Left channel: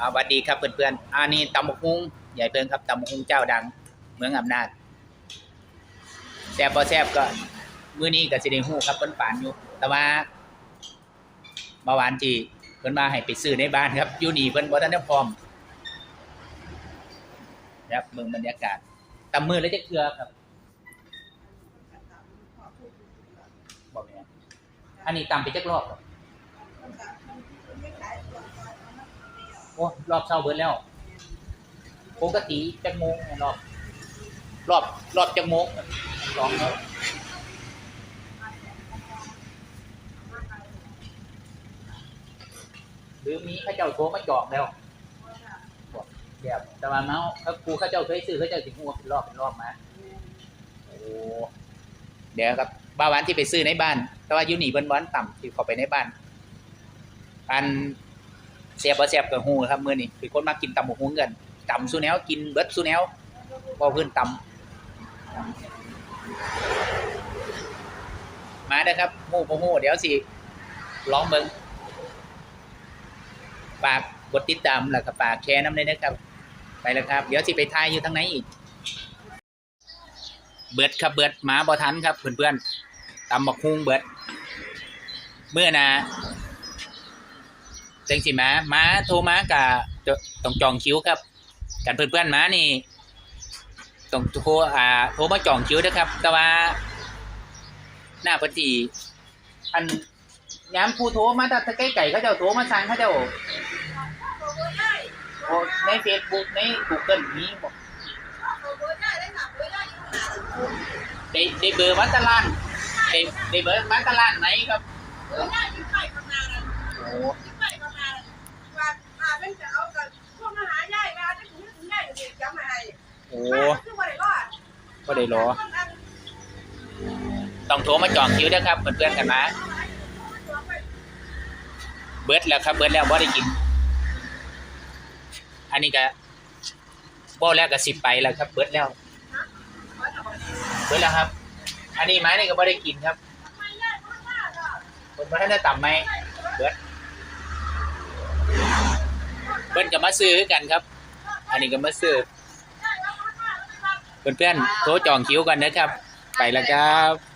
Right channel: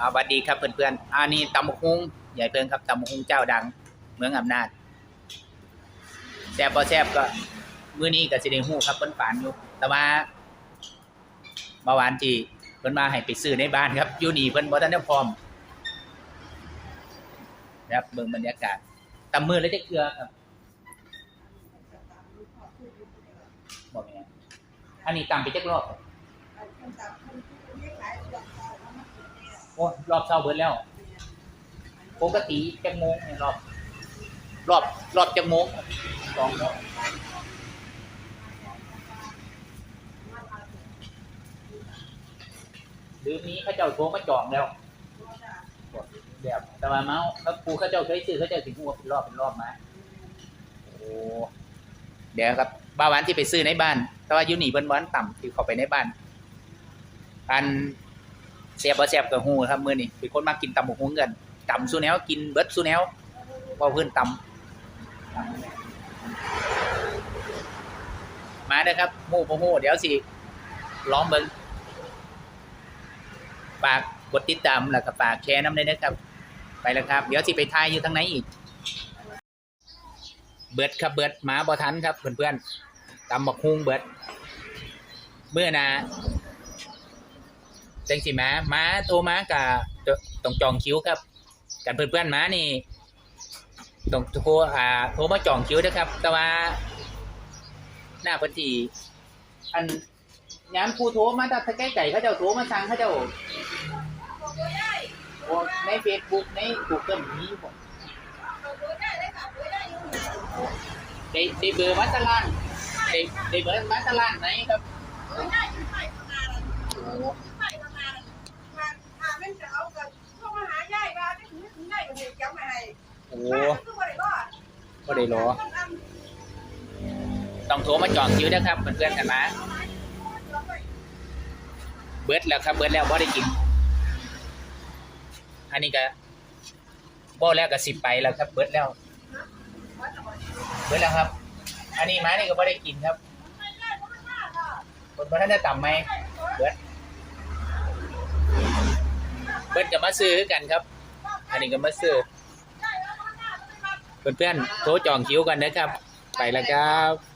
สวัสดีครับเพื่อนๆอันนี้ตำบกฮุงใหญ่เพิ่งครับตำบกฮุงเจ้าดัง เมืองอำนาจแซ่บพอแซ่บก็มื้อนี้ก็สิได้ฮู้ครับเพิ่นฝานอยู่ แต่ว่าเมื่อวานที่เพิ่นมาให้ไปซื้อในบ้านครับอยู่นี่เพิ่นบ่ทันได้พร้อมครับเบิ่งบรรยากาศตำมือแล้วจะเกลือครับบ่แม่นอันนี้ตำไปจักรอบครับ โอ้รอบเช้าเบิดแล้วปกติจักโมงเนี่ยรอบรอบรอบจักโมงสองหรือมีข้าเจ้าโทรมาจองแล้วเดี๋ยวแต่ว่าเมาส์ครูข้าเจ้าเคยซื้อข้าเจ้าถึงหัวเป็นรอบเป็นรอบมาโอ้เดี๋ยวครับบ้าวหวานที่ไปซื้อในบ้าน แต่ว่ายูนี่เบิ้นวานต่ำที่เข้าไปในบ้าน การ เสียบบ่เสียบกับหูครับมือนี่เป็นคนมากินตำหมกหุ้งกันตำสู้แนวกินเบิดสู้แนวพอเพื่อนตำมาเด้ครับหมู่บ่ฮู้เดี๋ยวสิลองเบิ่งฝากกดติดตามแล้วก็ฝากแชร์น้ำเลยนะครับ ไปแล้วครับ เดี๋ยวสิไปทายอยู่ทางไหนอีก เบิดครับเบิดหมาบอทันครับเพื่อนๆตำบักฮุงเบิดเมื่อนะ จังสิมามาโทรมากะต้องจองคิวครับกันเพื่อนๆมานี่ต้องโทรอ่าโทรมาจองคิวนะครับ แต่ว่า หน้าปฏิอันย้ำผู้โทรมาแต่ใกล้ไก่เขาจ้าโทรมาสั่งเขาจ้าโอ้ในเฟซบุ๊กในกูเกิลมีบอกได้ได้เบอร์วัดตะลานได้เบอร์วัดตะลานไหนครับโอ้โอ้ ก็ได้รอต้องโทรมาจองคิวนะครับเพื่อนๆกันนะเบิร์ดแล้วครับเบิร์ดแล้วว่าได้กิน อันนี้ก็บ่แล้วก็สิบไปแล้วครับ เบิร์ดแล้วเบิร์ดแล้วครับ อันนี้ไม้นี่ก็บ่ได้กินครับคนมาท่านได้ต่ำไหมเบิร์ดเบิร์ดก็มาซื้อคือกันครับ อันนี้ก็มาซื้อ เพื่อนๆโทรจองคิวกันนะครับ ไปแล้วครับ